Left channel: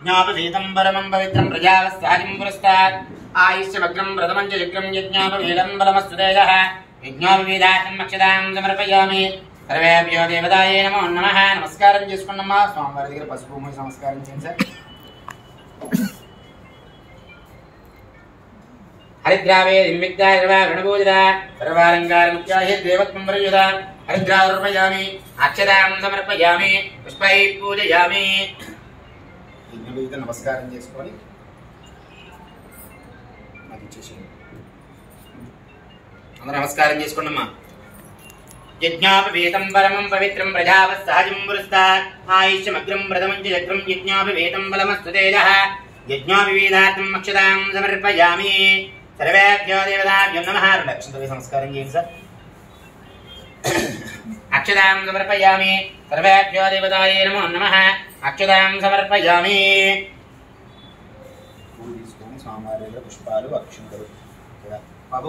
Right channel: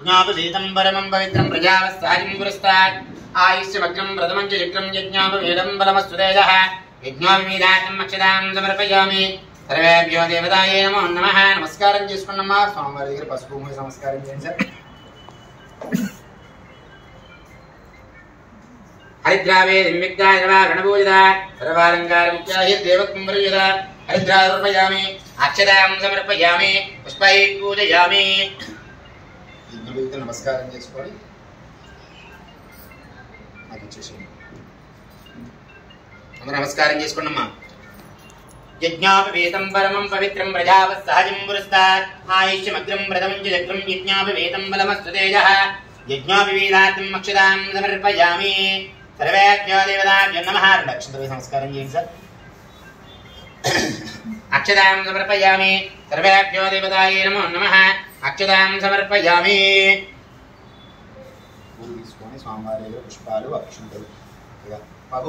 यज्ञोपवीतं परमं पवित्रं प्रजावस्ताजिं पुरस्तात् आयुष्यमग्रं प्रथमं च चक्रं यज्ञोपवीतं बलमस्तुतेजः यज्ञोपवीतार्थम् अक्षतां समर्पयामि सर्वेभ्यो देवतायै नमो नमः नमस्कारं చేసుకున్నమ్మా స్వామివారి దగ్గర పసుపు మూసి నమస్కారం చేయండి సార్ हरिद्रावे दिव्यक्ता सर्वा गणपूजिता सर्वालंकार मुख्याहि देवत्वं प्रयुता हरिद्रार्पयामि अक्षतां समर्पयामि पुष्पैः पूजयामि यज्ञोपवीत नमस्कारं చేసుకొని నాకు ఇచ్చేసేయండి అందరూ నమస్కారం చేసుకోండమ్మా यज्ञोपवीतं परमं पवित्रं प्रजावत्सहजं पुरस्तात् आयुष्यमग्रं प्रथमं च चक्रं यज्ञोपवीतं बलमस्तु तेजः यज्ञोपवीतार्थम् अक्षतां समर्पयामि सर्वेभ्यो देवताभ्यो नमः रक्षन्तवे नमस्कारं చేయండి సార్ अक्षतां समर्पयामि सर्वेभ्यो देवतायै नमो नमः अक्षतां समर्पयामि పూలు తీసుకొని స్వామివారి దగ్గర పుష్పాలు అక్షంతలు బాబు